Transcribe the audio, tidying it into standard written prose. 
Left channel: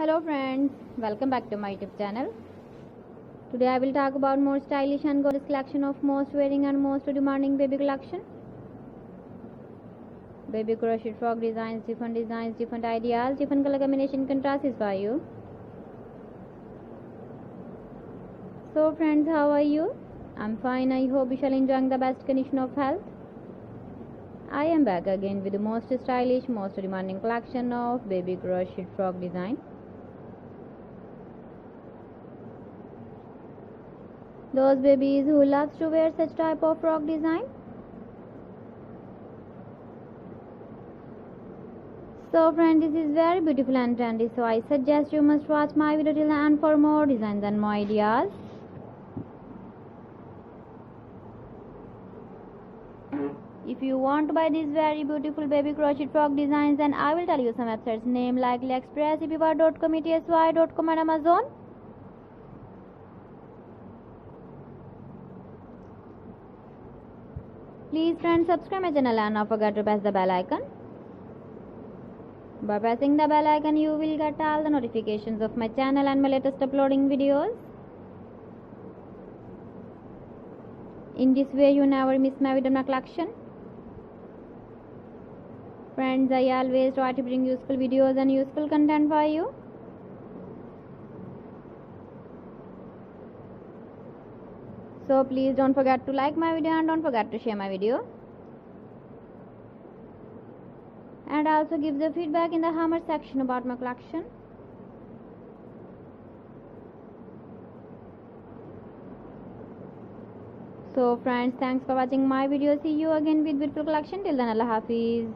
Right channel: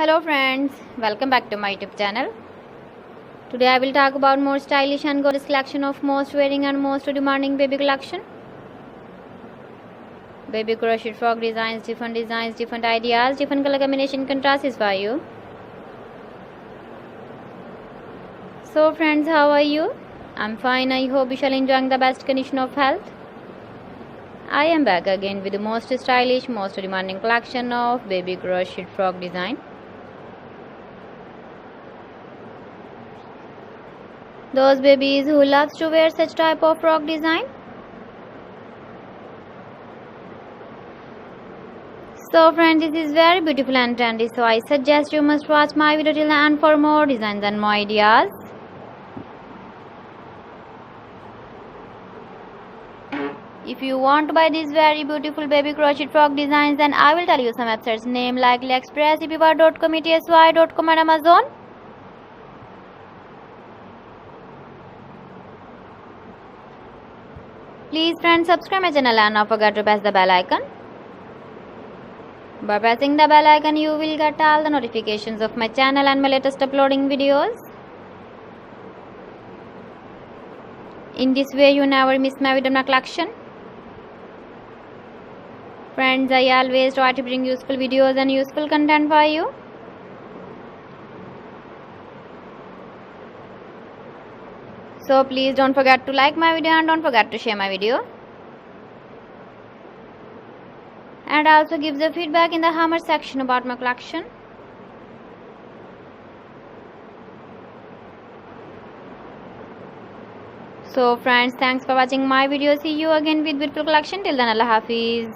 Hello friends, welcome back to my YouTube channel. Today I will talk about more stylish and gorgeous collection of most wearing and most demanding baby collection. Baby crochet frog designs, different ideas, different color combination contrasts for you. So friends, how are you? I'm fine. I hope you shall enjoying the best condition of health. I am back again with the most stylish, most demanding collection of baby crochet frog design. Those babies who loves to wear such type of frog design. So friends, this is very beautiful and trendy, so I suggest you must watch my video till the end for more designs and more ideas. If you want to buy these very beautiful baby crochet frog designs, then I will tell you some websites name like AliExpress, eBay.com, etsy.com and Amazon. Please friends, subscribe my channel and not forget to press the bell icon. By pressing the bell icon, you will get all the notifications of my channel and my latest uploading videos. In this way, you never miss my video collection. Friends, I always try to bring useful videos and useful content for you. So please don't forget to like my video and don't forget to share my video. And also give the feedback in the comment section about my collection. So friends, thanks for watching my video. See you again with beautiful collection. Till then, Allah Hafiz.